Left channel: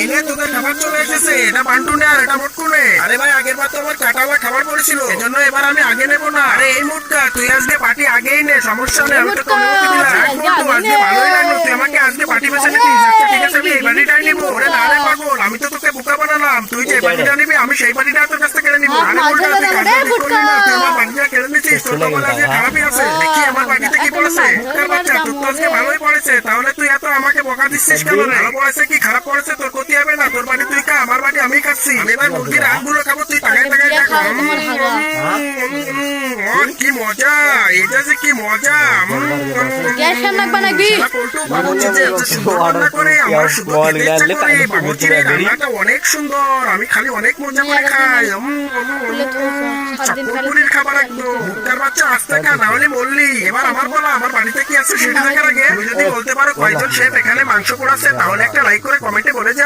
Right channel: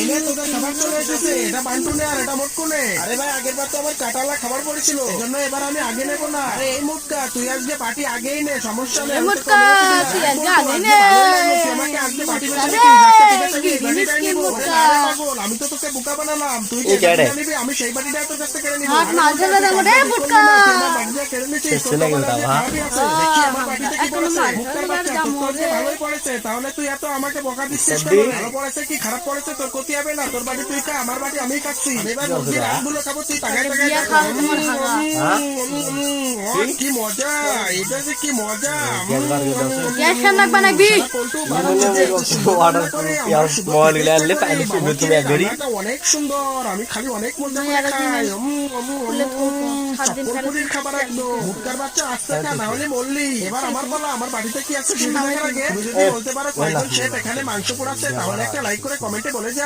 এনে তোদের খাবার চলে এসেছে। এটা বান্টু নে আর এটা মোটকু নে। আরে ভাই আগের বার তো আমার কাটাওয়া খাবার পড়েছিল, এজন্য এবার আমি আগে নেবো না। আরে এই মুটকা তুই আজকে পার্টি আগেই নে, সমস্যা নেই, আমি তোকে অনুমতি দিলাম। আজকে ভালোই লাগলো, তুই আমাকে আজকে পার্টি বেছে নিতিস। আচ্ছা ঠিক আছে, আমি এই বাড়িটাই নিবো। ওরে না রে পাগল, আমি তো তোকে বোকা বানালাম। তুই যে বাড়িটা নিবি আমি সেই বাড়িটা তোর কাছ থেকে কেড়ে নিবো। আরে মুটকা তুই কাজ করলি না, তুই আমার বাড়িটা কেড়ে নিচ্ছিস। তোর তো মনে হয় খারাপই আছে। দেখি আমার বাড়িতে কি পড়েছে। মুটকা বাচ্চা তোর তো আজকে ভালোই পড়েছে, তাহলে তুই এত আমাকে বকা দিচ্ছিস কেন? ভালো পড়েছে কি খারাপ পড়েছে তোর ক্ষতি হবে না। তোর বাড়ি তুই খা, আমার বাড়ি আমি খাচ্ছি। এবার মুরগির আটগুলো খাবো, তুই তাকায় তাকায় দেখ। কি মজা, এটা যে কি মজা। অনেক সুন্দর, আমি খালি অনেক মজা করে খাই। চাকরপুরির খাবার একদম। মুক্তার বাচ্চা আসতে খা, না হলে বললি। এবার আমার বলা, আমার বাড়িতে কি আছে সেটা দেখার আগে তুমি যদি বলতে পারো কয়জন শেফ এখানে মাংস পোড়াচ্ছে, তাহলে একটা লাইক করে কমেন্টে বলে যা।